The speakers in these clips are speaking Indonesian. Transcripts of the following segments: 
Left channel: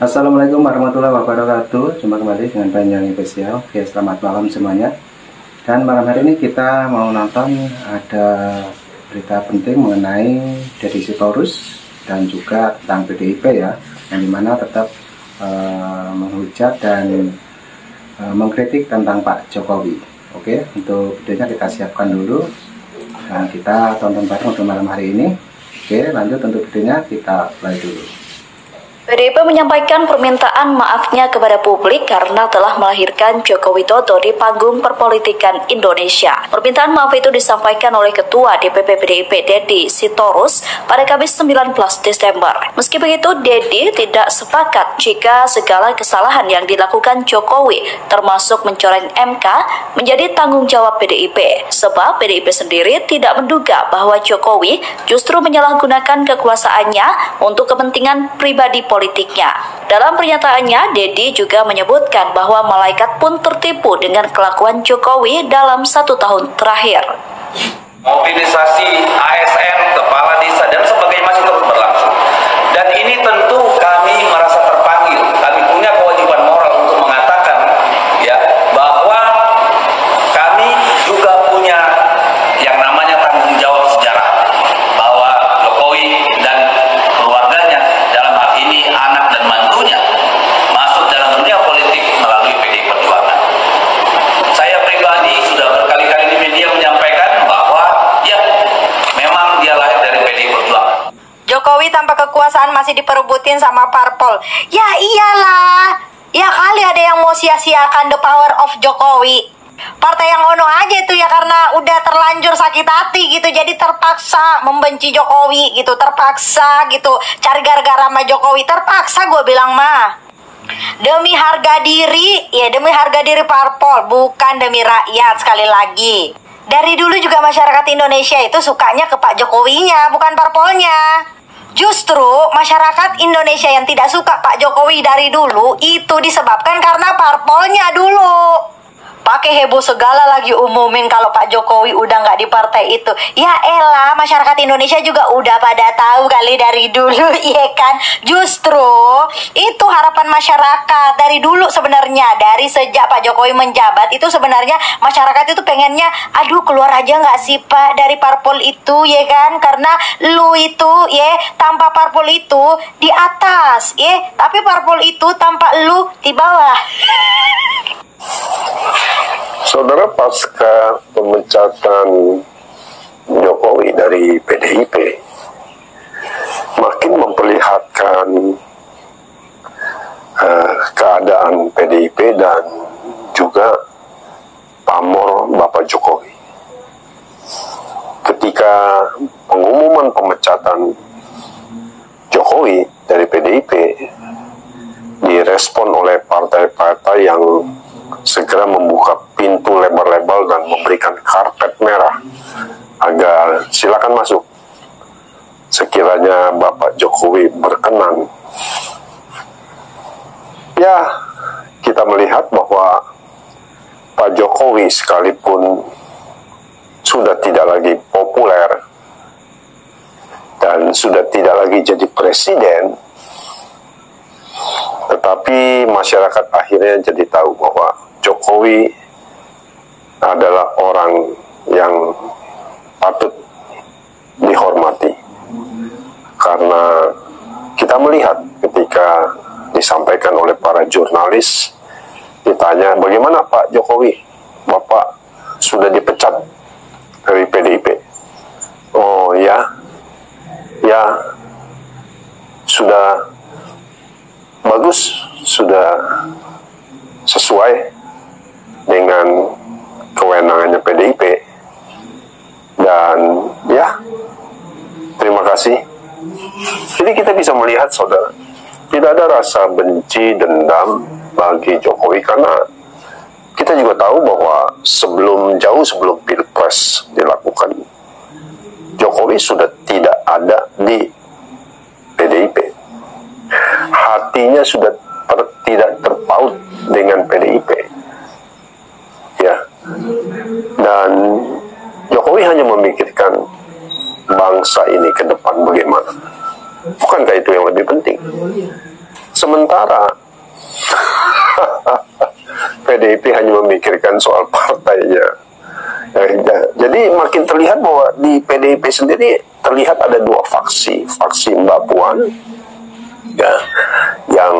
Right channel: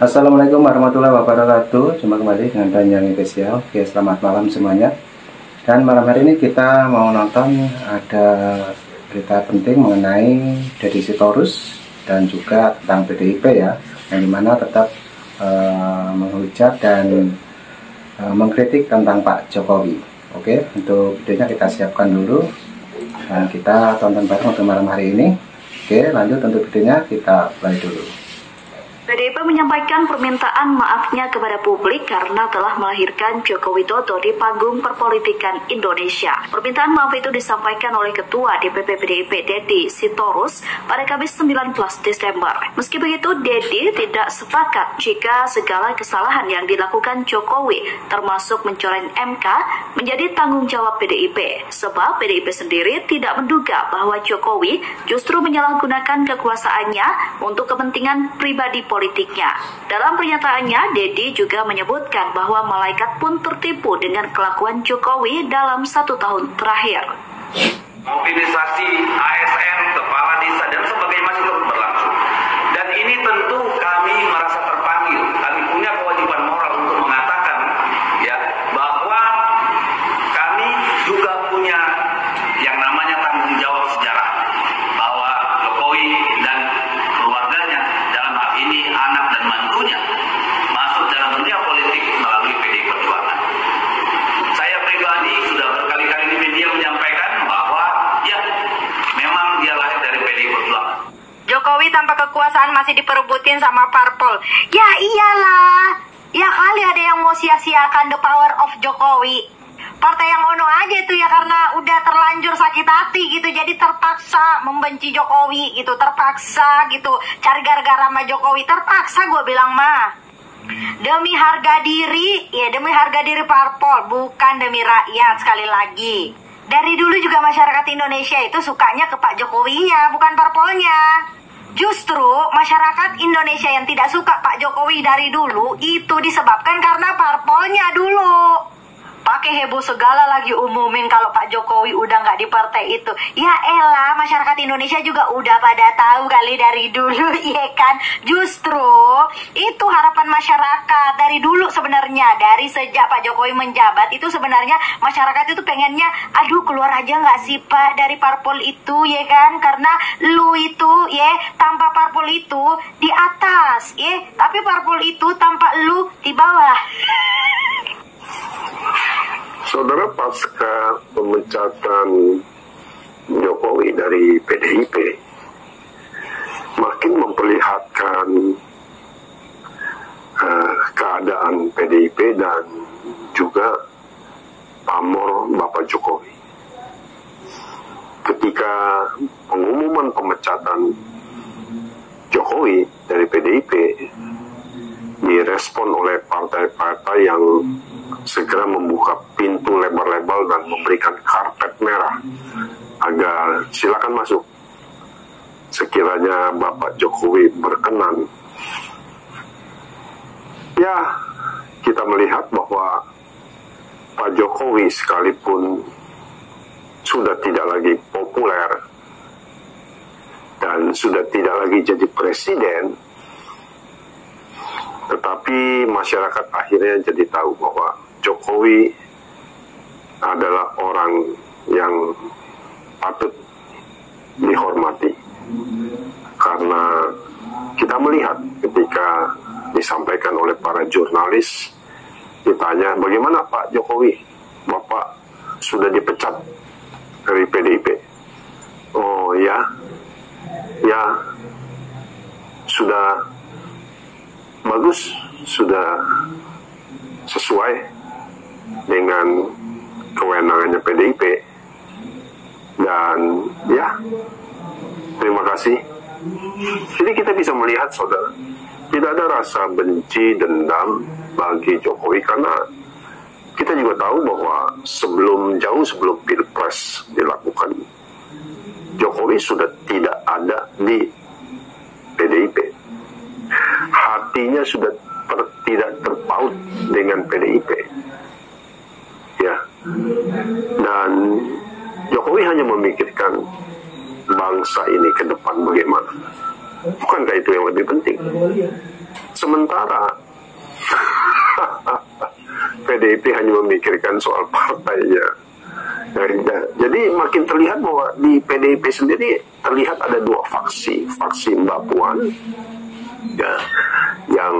Assalamualaikum warahmatullahi wabarakatuh. Jumpa kembali dengan Banyuwangi Spesial. Oke, selamat malam semuanya. Dan malam hari ini kita mau nonton ada berita penting mengenai Deddy Sitorus dan juga tentang PDIP ya, yang dimana tetap menghujat dan mengkritik tentang Pak Jokowi. Oke, untuk videonya kita siapkan dulu dan kita tonton bareng untuk malam hari ini. Oke, lanjut untuk videonya kita play dulu. PDIP menyampaikan permintaan maafnya kepada publik karena telah melahirkan Joko Widodo di panggung perpolitikan Indonesia. Permintaan maaf itu disampaikan oleh Ketua DPP PDIP Deddy Sitorus pada Kamis 19 Desember. Meski begitu, Deddy tidak sepakat jika segala kesalahan yang dilakukan Jokowi, termasuk mencoreng MK, menjadi tanggung jawab PDIP. Sebab PDIP sendiri tidak menduga bahwa Jokowi justru menyalahgunakan kekuasaannya untuk kepentingan pribadi politiknya. Dalam pernyataannya, Deddy juga menyebutkan bahwa malaikat pun tertipu dengan kelakuan Jokowi dalam 1 tahun terakhir. Mobilisasi ASN, kepala desa, dan sebagainya masih terus berlangsung. Dan ini tentu kami merasa terpanggil, kami punya kewajiban moral untuk mengatakan ya bahwa kami juga punya yang namanya tanggung jawab sejarah, bahwa Jokowi dan keluarganya, dalam hal ini anak dan mantunya, masuk dalam dunia politik melalui PDI Perjuangan. Saya pribadi sudah berkali-kali di media menyampaikan bahwa ya memang dia lahir dari PDI Perjuangan. Jokowi tanpa kekuasaan masih diperebutin sama parpol. Ya iyalah, ya kali ada yang mau sia-siakan the power of Jokowi. Partai yang ono aja itu ya, karena udah terlanjur sakit hati gitu, jadi terpaksa membenci Jokowi gitu, terpaksa gitu cari gara-gara sama Jokowi, terpaksa gue bilang mah. Demi harga diri, ya demi harga diri parpol, bukan demi rakyat. Sekali lagi, dari dulu juga masyarakat Indonesia itu sukanya ke Pak Jokowinya, bukan parpolnya. Justru masyarakat Indonesia yang tidak suka Pak Jokowi dari dulu itu disebabkan karena parpolnya dulu. Pakai heboh segala lagi umumin kalau Pak Jokowi udah nggak di partai itu. Ya elah, masyarakat Indonesia juga udah pada tahu kali dari dulu, iya kan? Justru itu harapan masyarakat dari dulu sebenarnya. Dari sejak Pak Jokowi menjabat itu sebenarnya masyarakat itu pengennya, aduh keluar aja nggak sih Pak dari parpol itu, ya kan? Karena lu itu, ya tanpa parpol itu di atas, ya. Tapi parpol itu tanpa lu di bawah. Saudara, pasca pemecatan Jokowi dari PDIP makin memperlihatkan keadaan PDIP dan juga pamor Bapak Jokowi. Ketika pengumuman pemecatan Jokowi dari PDIP direspon oleh partai-partai yang segera membuka pintu lebar-lebar dan memberikan karpet merah agar silakan masuk sekiranya Bapak Jokowi berkenan. Ya, kita melihat bahwa Pak Jokowi sekalipun sudah tidak lagi populer dan sudah tidak lagi jadi presiden, tetapi masyarakat akhirnya jadi tahu bahwa Jokowi adalah orang yang patut dihormati. Karena kita melihat ketika disampaikan oleh para jurnalis, ditanya, bagaimana Pak Jokowi? Bapak sudah dipecat dari PDIP. Oh ya, ya sudah bagus, sudah sesuai dengan kewenangannya PDIP, dan ya terima kasih. Jadi kita bisa melihat, saudara, tidak ada rasa benci, dendam bagi Jokowi, karena kita juga tahu bahwa jauh sebelum Pilpres dilakukan, Jokowi sudah tidak ada di PDIP. Hatinya sudah tidak terpaut dengan PDIP, ya. Dan Jokowi hanya memikirkan bangsa ini ke depan bagaimana. Bukankah itu yang lebih penting? Sementara PDIP hanya memikirkan soal partainya. Jadi makin terlihat bahwa di PDIP sendiri terlihat ada dua faksi. Faksi Mbak Puan, ya, yang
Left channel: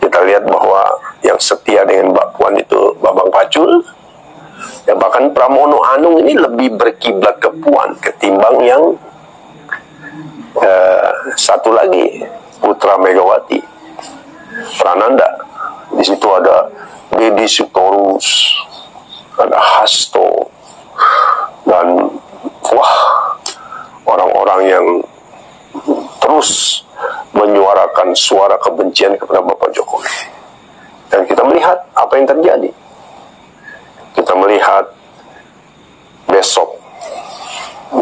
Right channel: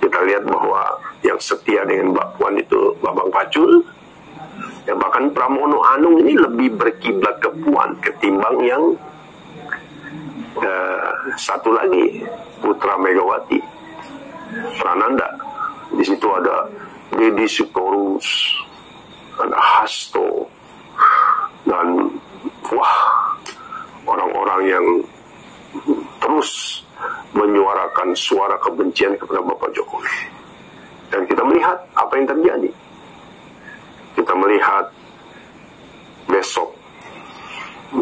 kita lihat bahwa yang setia dengan Mbak Puan itu Bambang Pacul. Ya, bahkan Pramono Anung ini lebih berkiblat ke Puan ketimbang yang satu lagi, putra Megawati, Prananda. Di situ ada Deddy Sitorus, ada Hasto, dan wah, orang-orang yang terus menyuarakan suara kebencian kepada Bapak Jokowi. Dan kita melihat apa yang terjadi. Kita melihat besok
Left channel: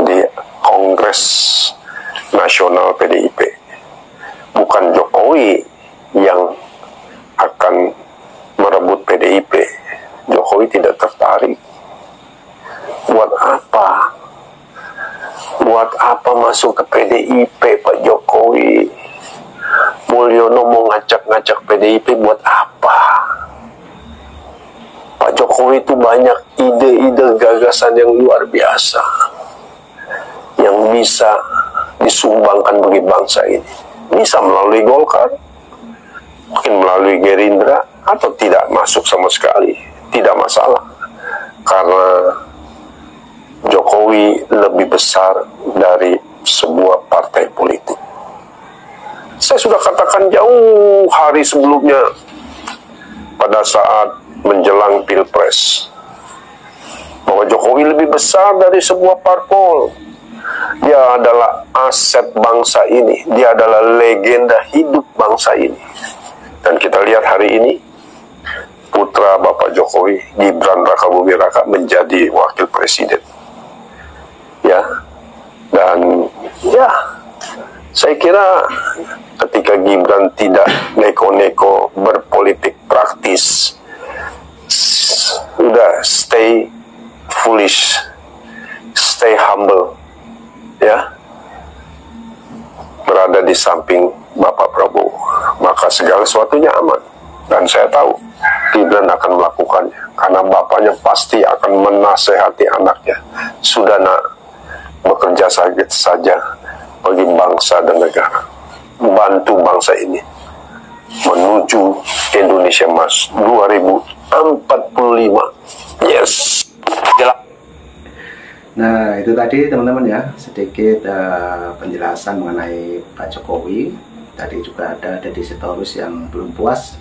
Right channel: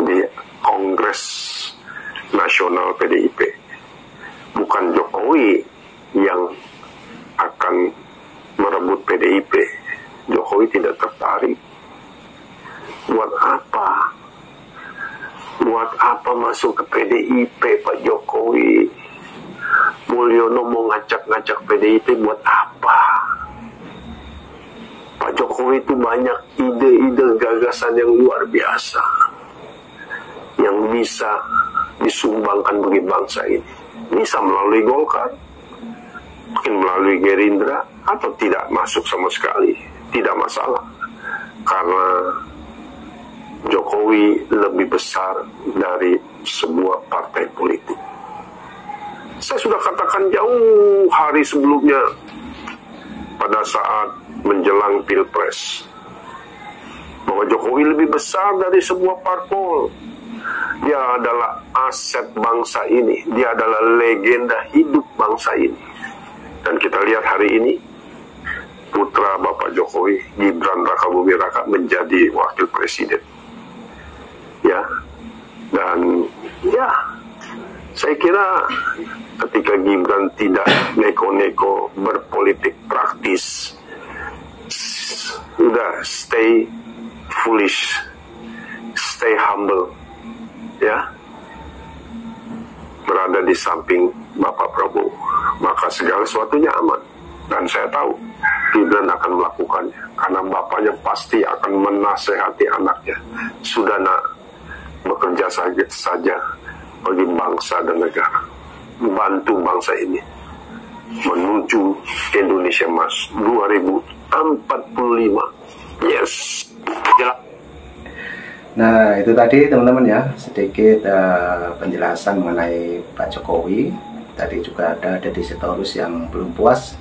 di Kongres Nasional PDIP, bukan Jokowi yang akan merebut PDIP. Jokowi tidak tertarik. Buat apa? Buat apa masuk ke PDIP Pak Jokowi? Mulyono mau ngacak-ngacak PDIP buat apa? Pak Jokowi itu banyak ide-ide gagasan yang luar biasa yang bisa disumbangkan bagi bangsa ini. Bisa melalui Golkar, mungkin melalui Gerindra, atau tidak masuk sama sekali. Tidak masalah. Karena Jokowi lebih besar dari sebuah partai politik. Saya sudah katakan jauh hari sebelumnya, pada saat menjelang Pilpres, bahwa Jokowi lebih besar dari sebuah parpol. Dia adalah aset bangsa ini. Dia adalah legenda hidup bangsa ini. Dan kita lihat hari ini, putra Bapak Jokowi, Gibran Rakabuming Raka, menjadi wakil presiden. Ya, dan ya, saya kira ketika Gibran tidak neko-neko berpolitik praktis, udah stay foolish, stay humble, ya, berada di samping Bapak Prabowo, maka segala sesuatunya aman. Dan saya tahu Gibran akan melakukannya, karena bapaknya pasti akan menasehati anaknya. Sudah nak, bekerja saja bagi bangsa dan negara, bantu bangsa ini menuju Indonesia Emas 2045. Yes. Nah, itu tadi teman-teman ya, sedikit penjelasan mengenai Pak Jokowi. Tadi juga ada Deddy Sitorus yang belum puas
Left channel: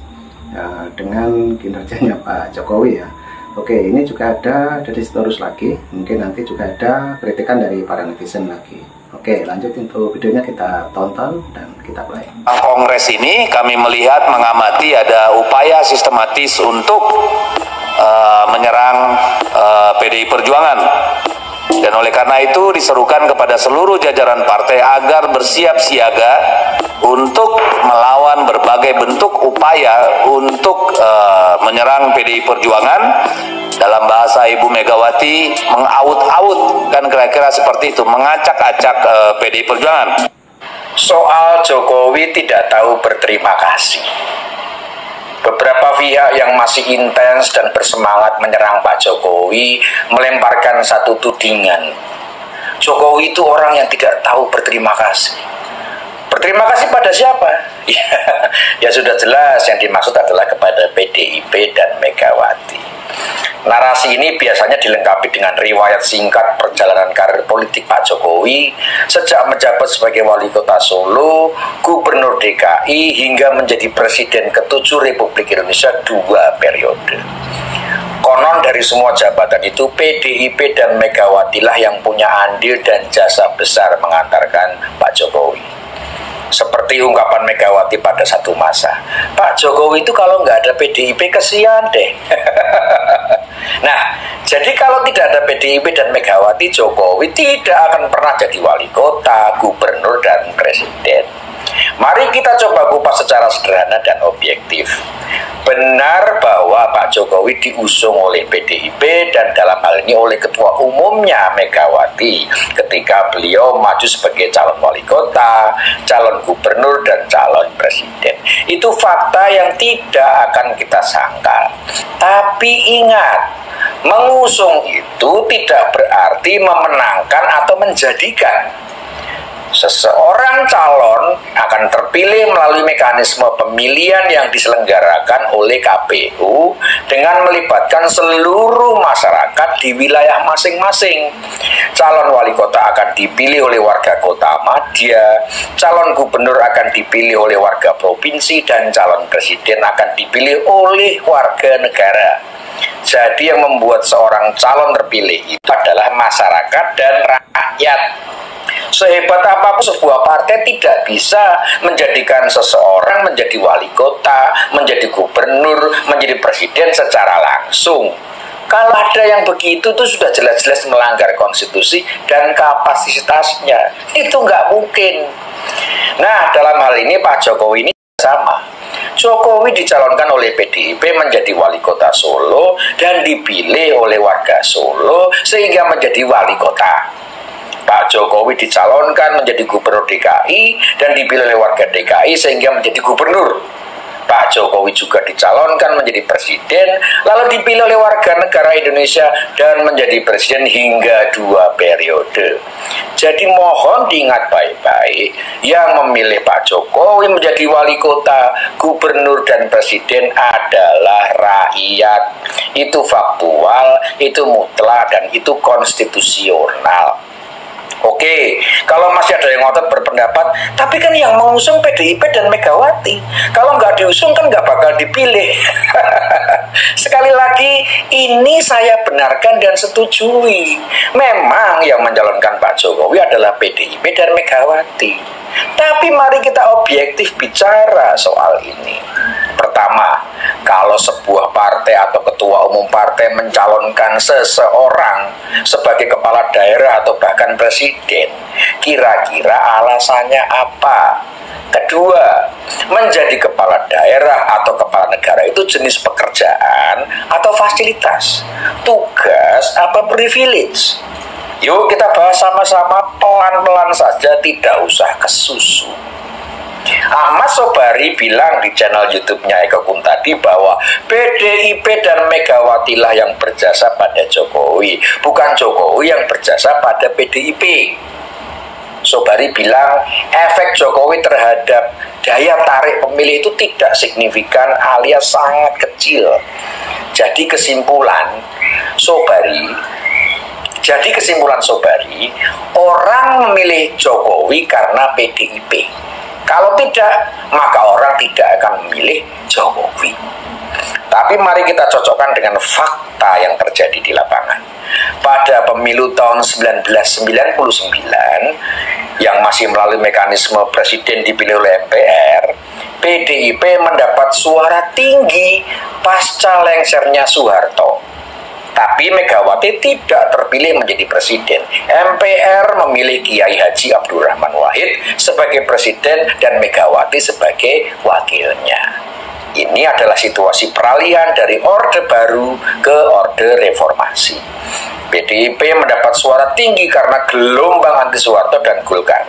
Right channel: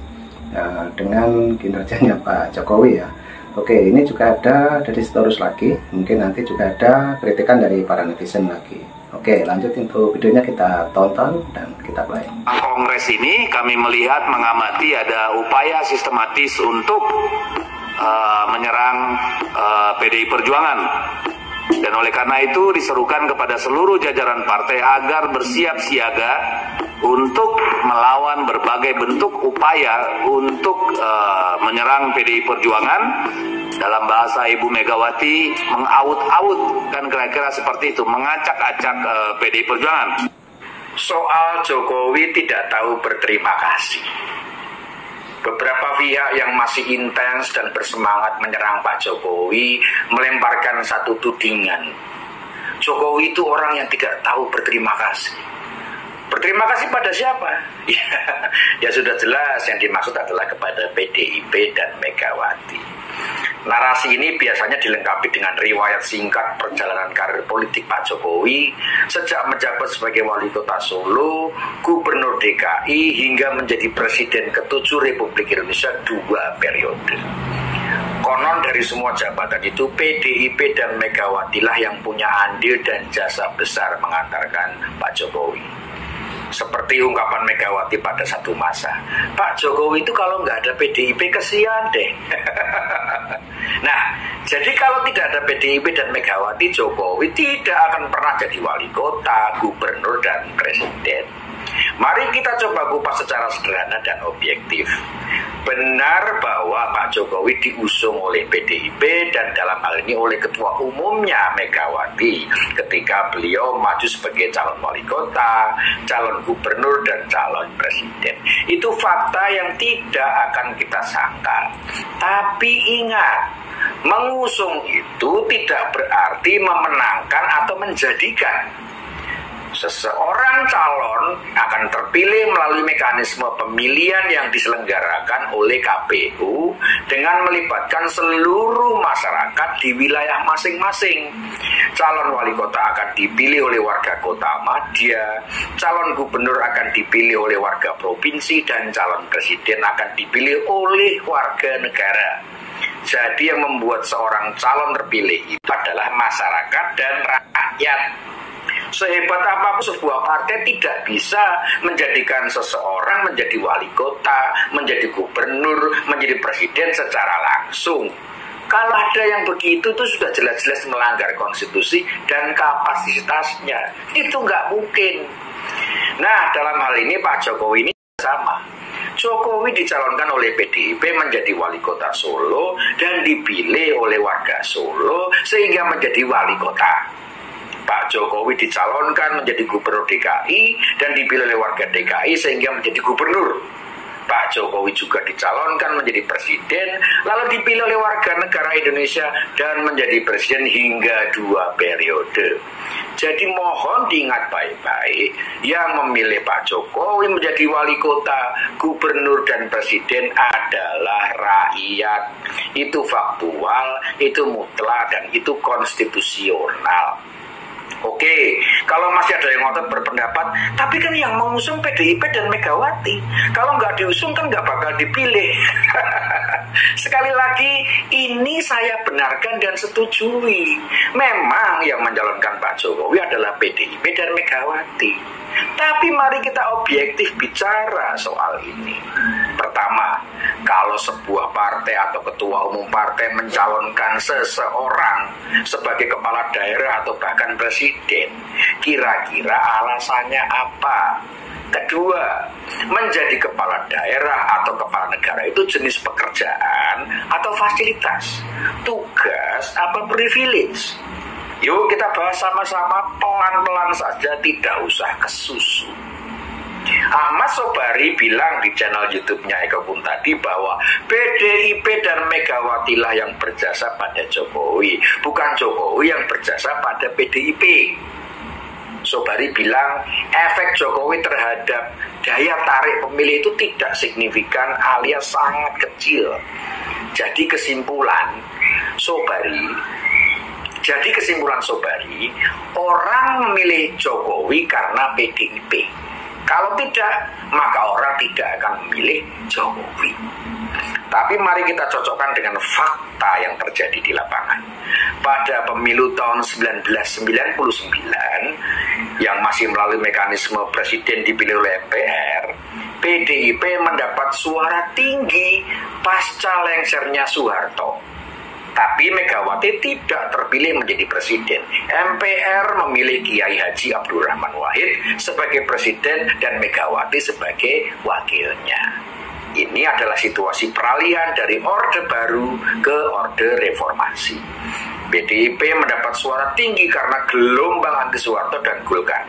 dengan kinerjanya Pak Jokowi ya. Oke, ini juga ada Deddy Sitorus lagi. Mungkin nanti juga ada kritikan dari para netizen lagi. Oke, lanjut untuk videonya kita tonton dan kita play. Kongres ini kami melihat, mengamati ada upaya sistematis untuk menyerang PDI Perjuangan. Dan oleh karena itu diserukan kepada seluruh jajaran partai agar bersiap siaga untuk melawan berbagai bentuk upaya untuk menyerang PDI Perjuangan. Dalam bahasa Ibu Megawati, mengaut-aut, kan kira-kira seperti itu, mengacak-acak PDI Perjuangan. Soal Jokowi tidak tahu berterima kasih. Beberapa pihak yang masih intens dan bersemangat menyerang Pak Jokowi melemparkan satu tudingan. Jokowi itu orang yang tidak tahu berterima kasih. Berterima kasih pada siapa? Ya sudah jelas, yang dimaksud adalah kepada PDIP dan Megawati. Narasi ini biasanya dilengkapi dengan riwayat singkat perjalanan karir politik Pak Jokowi sejak menjabat sebagai wali kota Solo, gubernur DKI, hingga menjadi presiden ke-7 Republik Indonesia 2 periode. Konon dari semua jabatan itu PDIP dan Megawati lah yang punya andil dan jasa besar mengantarkan Pak Jokowi. Seperti ungkapan Megawati pada satu masa, Pak Jokowi itu kalau nggak ada PDIP kesian deh. Nah, jadi kalau tidak ada PDIP dan Megawati, Jokowi tidak akan pernah jadi wali kota, gubernur, dan presiden. Mari kita coba kupas secara sederhana dan objektif. Benar bahwa Pak Jokowi diusung oleh PDIP dan dalam hal ini oleh Ketua Umumnya Megawati ketika beliau maju sebagai calon wali kota, calon gubernur, dan calon presiden. Itu fakta yang tidak akan kita sangkal. Tapi ingat, mengusung itu tidak berarti memenangkan atau menjadikan. Seseorang calon akan terpilih melalui mekanisme pemilihan yang diselenggarakan oleh KPU dengan melibatkan seluruh masyarakat di wilayah masing-masing. Calon wali kota akan dipilih oleh warga kota Madya, calon gubernur akan dipilih oleh warga provinsi, dan calon presiden akan dipilih oleh warga negara. Jadi yang membuat seorang calon terpilih itu adalah masyarakat dan rakyat. Sehebat apapun sebuah partai tidak bisa menjadikan seseorang menjadi wali kota, menjadi gubernur, menjadi presiden secara langsung. Kalau ada yang begitu itu sudah jelas-jelas melanggar konstitusi dan kapasitasnya. Itu nggak mungkin. Nah, dalam hal ini Pak Jokowi ini sama. Jokowi dicalonkan oleh PDIP menjadi wali kota Solo dan dipilih oleh warga Solo sehingga menjadi wali kota. Pak Jokowi dicalonkan menjadi gubernur DKI dan dipilih oleh warga DKI sehingga menjadi gubernur. Pak Jokowi juga dicalonkan menjadi presiden lalu dipilih oleh warga negara Indonesia dan menjadi presiden hingga 2 periode. Jadi mohon diingat baik-baik, yang memilih Pak Jokowi menjadi wali kota, gubernur, dan presiden adalah rakyat. Itu faktual, itu mutlak, dan itu konstitusional. Oke, kalau masih ada yang ngotot berpendapat, tapi kan yang mengusung PDIP dan Megawati. Kalau nggak diusung kan nggak bakal dipilih. Sekali lagi, ini saya benarkan dan setujui. Memang yang mencalonkan Pak Jokowi adalah PDIP dan Megawati. Tapi mari kita objektif bicara soal ini. Pertama, kalau sebuah partai atau ketua umum partai mencalonkan seseorang sebagai kepala daerah atau bahkan presiden, kira-kira alasannya apa? Kedua, menjadi kepala daerah atau kepala negara itu jenis pekerjaan atau fasilitas, tugas apa privilege? Yuk kita bahas sama-sama pelan-pelan saja, tidak usah kesusu. Ahmad Sobari bilang di channel YouTube-nya Eko Kuntadi bahwa PDIP dan Megawati lah yang berjasa pada Jokowi, bukan Jokowi yang berjasa pada PDIP. Sobari bilang efek Jokowi terhadap daya tarik pemilih itu tidak signifikan alias sangat kecil. Jadi kesimpulan Sobari, orang memilih Jokowi karena PDIP. Kalau tidak, maka orang tidak akan memilih Jokowi. Tapi mari kita cocokkan dengan fakta yang terjadi di lapangan. Pada pemilu tahun 1999, yang masih melalui mekanisme presiden dipilih oleh MPR, PDIP mendapat suara tinggi pasca lengsernya Soeharto. Tapi Megawati tidak terpilih menjadi presiden. MPR memilih Kiai Haji Abdurrahman Wahid sebagai presiden dan Megawati sebagai wakilnya. Ini adalah situasi peralihan dari Orde Baru ke Orde Reformasi. PDIP mendapat suara tinggi karena gelombang anti Soeharto dan Golkar.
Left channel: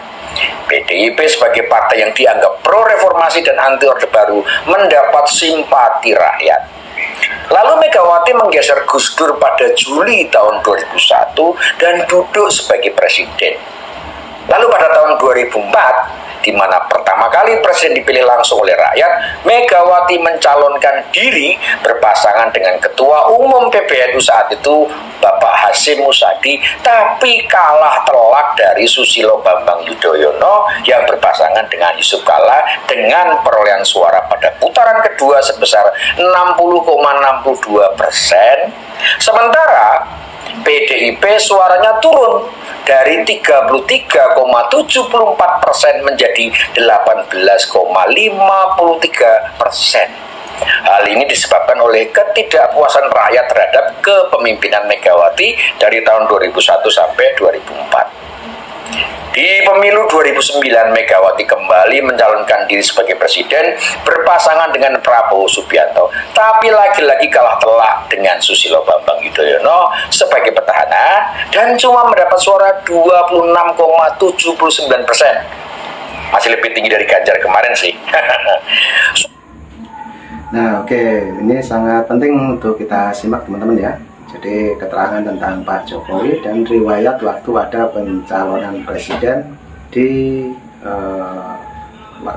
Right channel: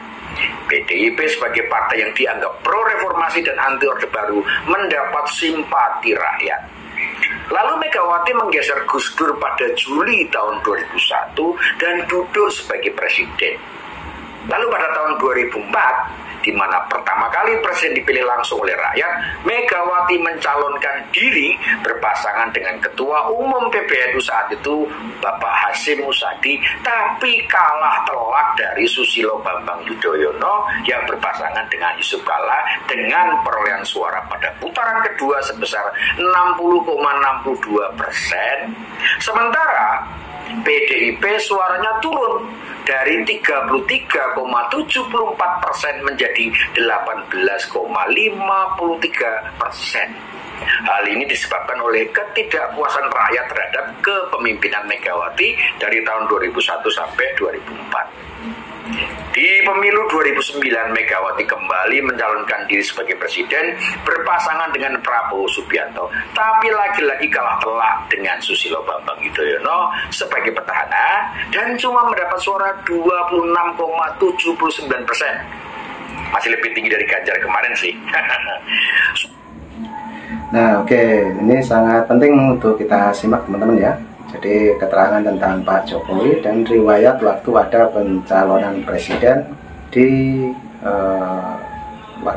PDIP sebagai partai yang dianggap pro-reformasi dan anti Orde Baru mendapat simpati rakyat. Lalu Megawati menggeser Gus Dur pada Juli tahun 2001 dan duduk sebagai presiden. Lalu pada tahun 2004, di mana pertama kali presiden dipilih langsung oleh rakyat, Megawati mencalonkan diri berpasangan dengan Ketua Umum PBNU saat itu, Bapak Hasyim Muzadi, tapi kalah telak dari Susilo Bambang Yudhoyono yang berpasangan dengan Yusuf Kalla dengan perolehan suara pada putaran kedua sebesar 60,62%. Sementara PDIP suaranya turun dari 33,74% menjadi 18,53%. Hal ini disebabkan oleh ketidakpuasan rakyat terhadap kepemimpinan Megawati dari tahun 2001 sampai 2004. Di pemilu 2009, Megawati kembali mencalonkan diri sebagai presiden berpasangan dengan Prabowo Subianto, tapi lagi-lagi kalah telak dengan Susilo Bambang Yudhoyono sebagai petahana dan cuma mendapat suara 26,79%. Masih lebih tinggi dari Ganjar kemarin sih. Nah, oke, ini sangat penting untuk kita simak teman-teman ya. Jadi keterangan tentang Pak Jokowi dan riwayat waktu ada pencalonan presiden di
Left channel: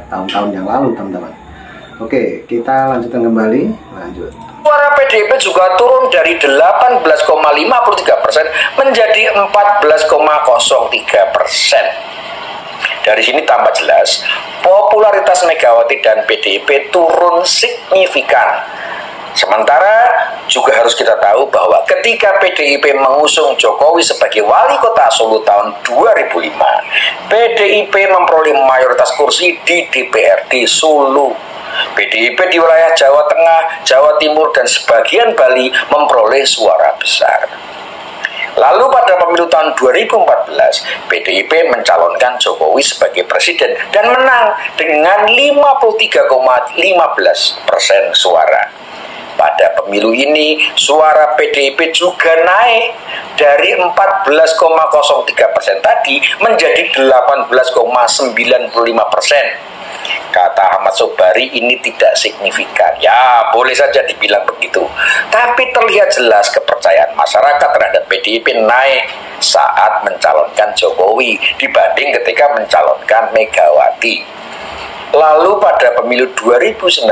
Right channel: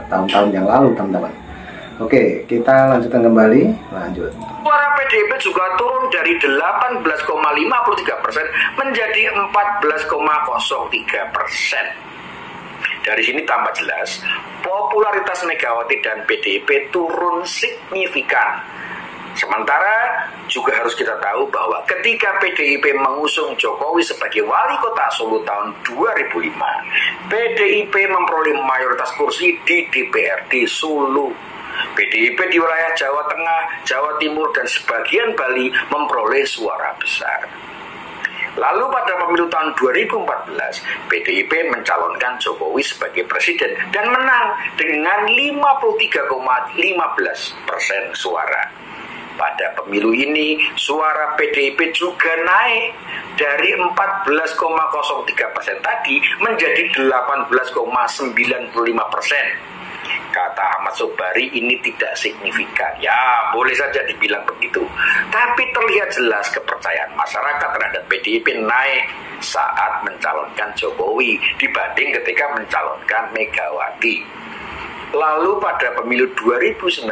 tahun-tahun yang lalu teman-teman. Oke, kita lanjutkan kembali. Lanjut. Suara PDIP juga turun dari 18,53% menjadi 14,03%. Dari sini tambah jelas, popularitas Megawati dan PDIP turun signifikan. Sementara juga harus kita tahu bahwa ketika PDIP mengusung Jokowi sebagai wali kota Solo tahun 2005, PDIP memperoleh mayoritas kursi di DPRD Solo. PDIP di wilayah Jawa Tengah, Jawa Timur, dan sebagian Bali memperoleh suara besar. Lalu pada pemilu tahun 2014, PDIP mencalonkan Jokowi sebagai presiden dan menang dengan 53,15% suara. Pada pemilu ini, suara PDIP juga naik dari 14,03% tadi menjadi 18,95%. Kata Ahmad Sobari, ini tidak signifikan. Ya, boleh saja dibilang begitu. Tapi terlihat jelas kepercayaan masyarakat terhadap PDIP naik saat mencalonkan Jokowi dibanding ketika mencalonkan Megawati. Lalu pada pemilu 2019,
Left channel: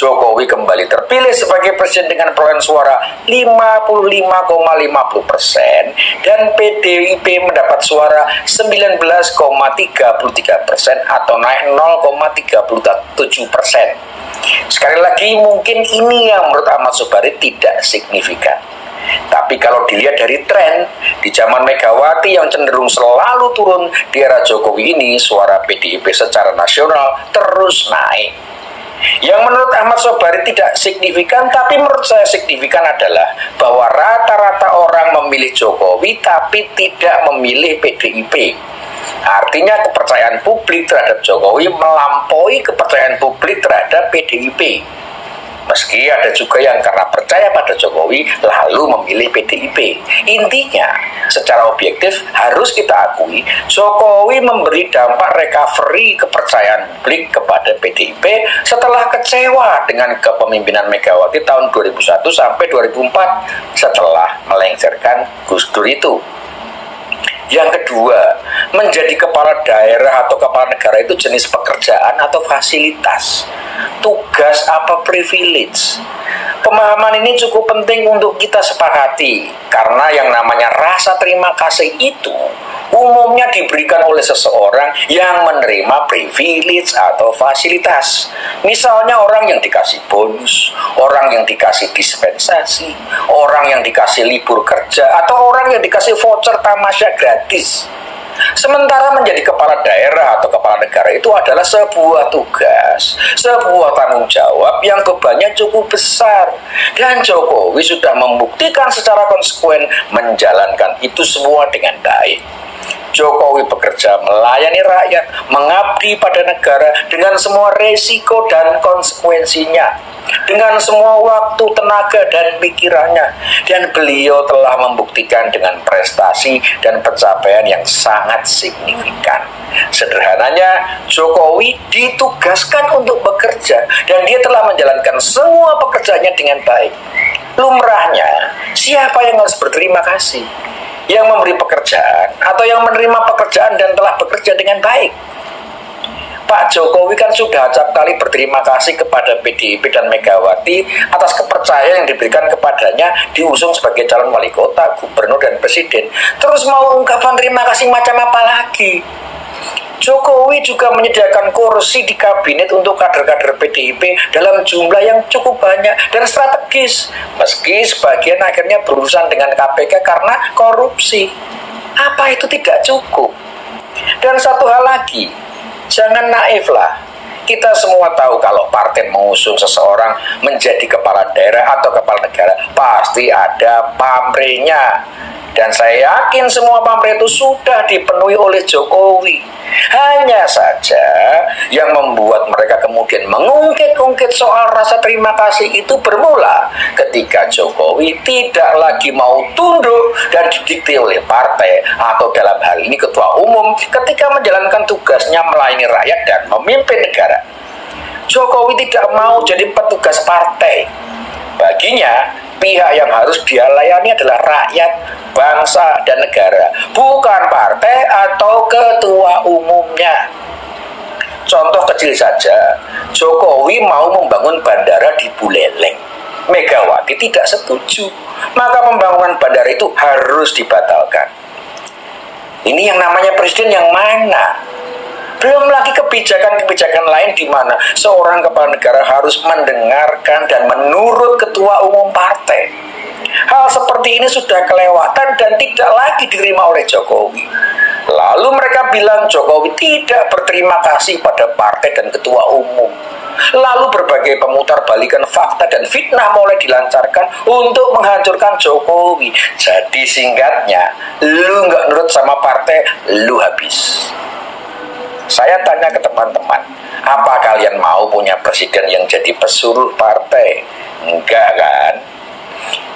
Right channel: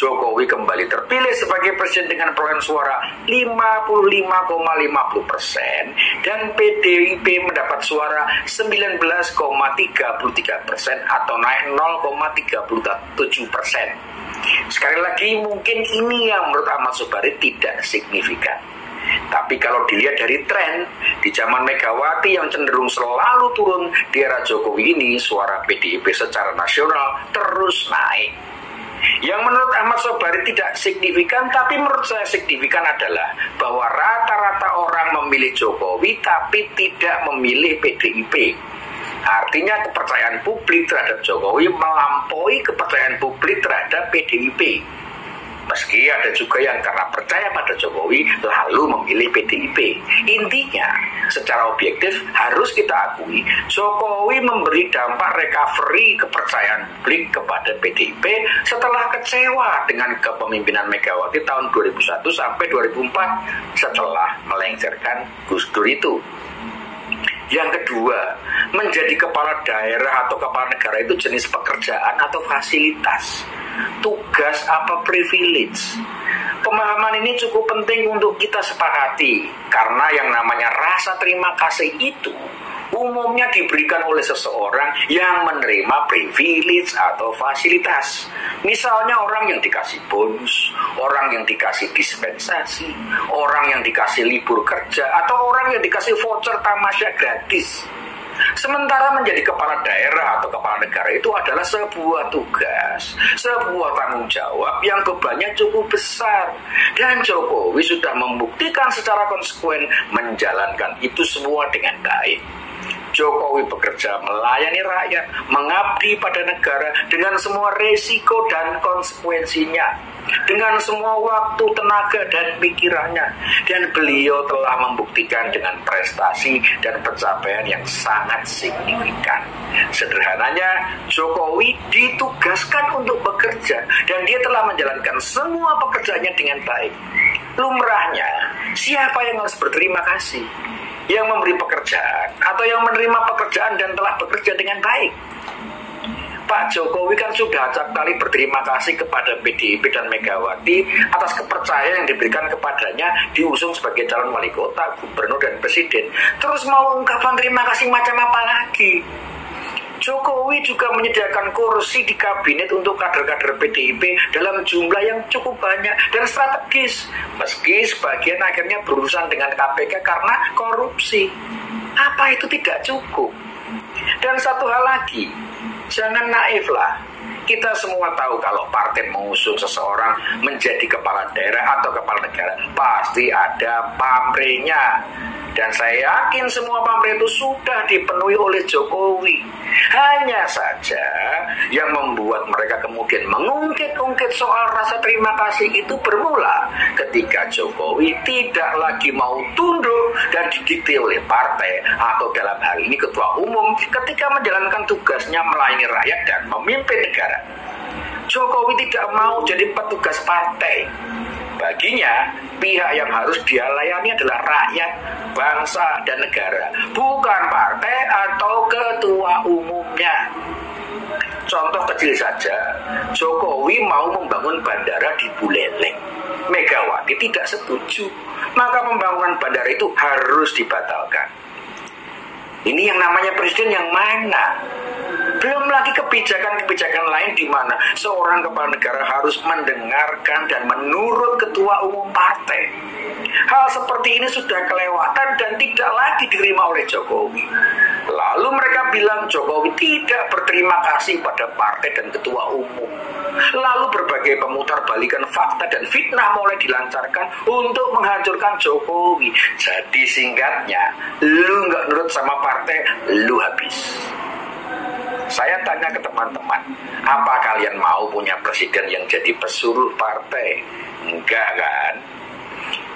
Jokowi kembali terpilih sebagai presiden dengan perolehan suara 55,50% dan PDIP mendapat suara 19,33% atau naik 0,37%. Sekali lagi, mungkin ini yang menurut Ahmad Sobari tidak signifikan. Tapi kalau dilihat dari tren, di zaman Megawati yang cenderung selalu turun, di era Jokowi ini suara PDIP secara nasional terus naik. Yang menurut Ahmad Sobari tidak signifikan, tapi menurut saya signifikan adalah bahwa rata-rata orang memilih Jokowi tapi tidak memilih PDIP. Artinya kepercayaan publik terhadap Jokowi melampaui kepercayaan publik terhadap PDIP. Meski ada juga yang karena percaya pada Jokowi lalu memilih PDIP. Intinya, secara objektif harus kita akui Jokowi memberi dampak recovery kepercayaan publik kepada PDIP setelah kecewa dengan kepemimpinan Megawati tahun 2001 sampai 2004 setelah melengsarkan Gus Dur itu. Yang kedua, menjadi kepala daerah atau kepala negara itu jenis pekerjaan atau fasilitas, tugas apa privilege. Pemahaman ini cukup penting untuk kita sepakati, karena yang namanya rasa terima kasih itu umumnya diberikan oleh seseorang yang menerima privilege atau fasilitas. Misalnya orang yang dikasih bonus, orang yang dikasih dispensasi, orang yang dikasih libur kerja, atau orang yang dikasih voucher tamasya gratis. Sementara menjadi kepala daerah atau kepala negara itu adalah sebuah tugas, sebuah tanggung jawab yang bebannya cukup besar. Dan Jokowi sudah membuktikan secara konsekuen menjalankan itu semua dengan baik. Jokowi bekerja melayani rakyat, mengabdi pada negara dengan semua resiko dan konsekuensinya, dengan semua waktu, tenaga, dan pikirannya. Dan beliau telah membuktikan dengan prestasi dan pencapaian yang sangat signifikan. Sederhananya, Jokowi ditugaskan untuk bekerja dan dia telah menjalankan semua pekerjaannya dengan baik. Lumrahnya, siapa yang harus berterima kasih? Yang memberi pekerjaan atau yang menerima pekerjaan dan telah bekerja dengan baik? Pak Jokowi kan sudah acap kali berterima kasih kepada PDIP dan Megawati atas kepercayaan yang diberikan kepadanya diusung sebagai calon wali kota, gubernur, dan presiden. Terus mau ungkapan terima kasih macam apa lagi? Jokowi juga menyediakan kursi di kabinet untuk kader-kader PDIP dalam jumlah yang cukup banyak dan strategis, meski sebagian akhirnya berurusan dengan KPK karena korupsi. Apa itu tidak cukup? Dan satu hal lagi, jangan naif lah. Kita semua tahu kalau partai mengusung seseorang menjadi kepala daerah atau kepala negara, pasti ada pamrihnya. Dan saya yakin semua pamrih itu sudah dipenuhi oleh Jokowi. Hanya saja yang membuat mereka kemudian mengungkit-ungkit soal rasa terima kasih itu bermula ketika Jokowi tidak lagi mau tunduk dan didikte oleh partai atau dalam hal ini ketua umum ketika menjalankan tugasnya melayani rakyat dan memimpin negara. Jokowi tidak mau jadi petugas partai. Baginya, pihak yang harus dia layani adalah rakyat, bangsa, dan negara, bukan partai atau ketua umumnya. Contoh kecil saja, Jokowi mau membangun bandara di Buleleng. Megawati tidak setuju, maka pembangunan bandara itu harus dibatalkan. Ini yang namanya presiden yang mana? Belum lagi kebijakan-kebijakan lain di mana seorang kepala negara harus mendengarkan dan menurut ketua umum partai. Hal seperti ini sudah kelewatan dan tidak lagi diterima oleh Jokowi. Lalu mereka bilang Jokowi tidak berterima kasih pada partai dan ketua umum. Lalu berbagai pemutarbalikan fakta dan fitnah mulai dilancarkan untuk menghancurkan Jokowi. Jadi singkatnya, lu nggak nurut sama partai, lu habis. Saya tanya ke teman-teman, apa kalian mau punya presiden yang jadi pesuruh partai? Enggak kan?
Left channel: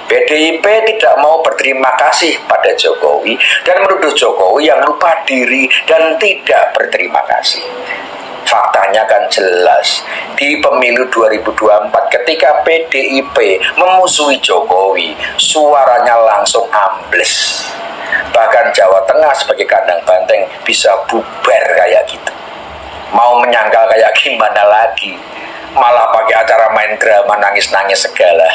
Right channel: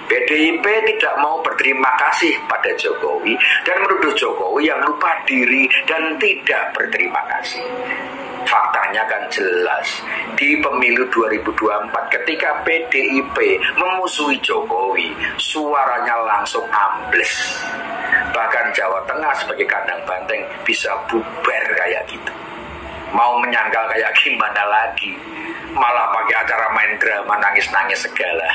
PDIP tidak mau berterima kasih pada Jokowi dan menuduh Jokowi yang lupa diri dan tidak berterima kasih. Faktanya kan jelas, di pemilu 2024 ketika PDIP memusuhi Jokowi, suaranya langsung ambles. Bahkan Jawa Tengah sebagai kandang banteng bisa bubar kayak gitu. Mau menyangkal kayak gimana lagi? Malah pakai acara main drama nangis-nangis segala.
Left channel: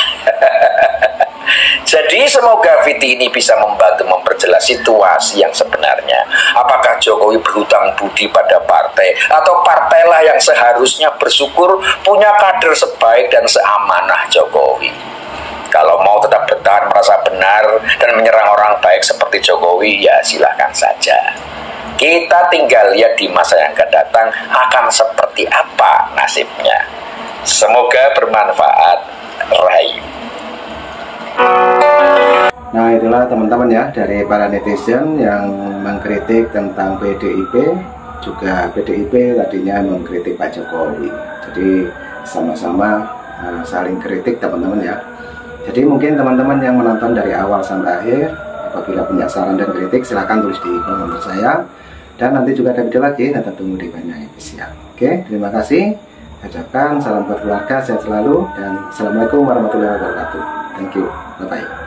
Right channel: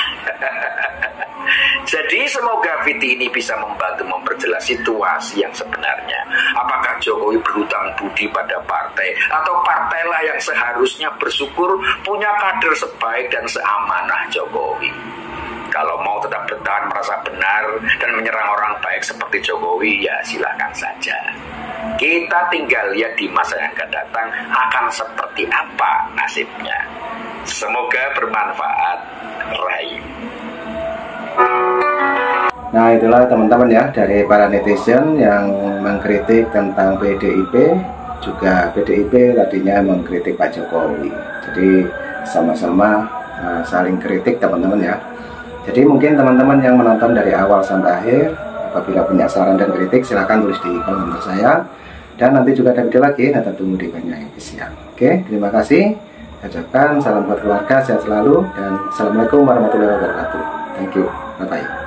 Jadi semoga Viti ini bisa membantu memperjelas situasi yang sebenarnya. Apakah Jokowi berhutang budi pada partai atau partailah yang seharusnya bersyukur punya kader sebaik dan seamanah Jokowi? Kalau mau tetap bertahan merasa benar dan menyerang orang baik seperti Jokowi, ya silahkan saja. Kita tinggal lihat di masa yang akan datang akan seperti apa nasibnya. Semoga bermanfaat. Rahayu. Nah, itulah teman-teman ya dari para netizen yang mengkritik tentang PDIP, juga PDIP tadinya mengkritik Pak Jokowi. Jadi sama-sama saling kritik teman-teman ya. Jadi mungkin teman-teman yang menonton dari awal sampai akhir, apabila punya saran dan kritik silahkan tulis di kolom komentar saya. Dan nanti juga ada video lagi, nanti tunggu di Banyak Official. Oke, terima kasih. Saya ucapkan salam buat keluarga, sehat selalu, dan Assalamualaikum warahmatullahi wabarakatuh. Thank you, bye-bye.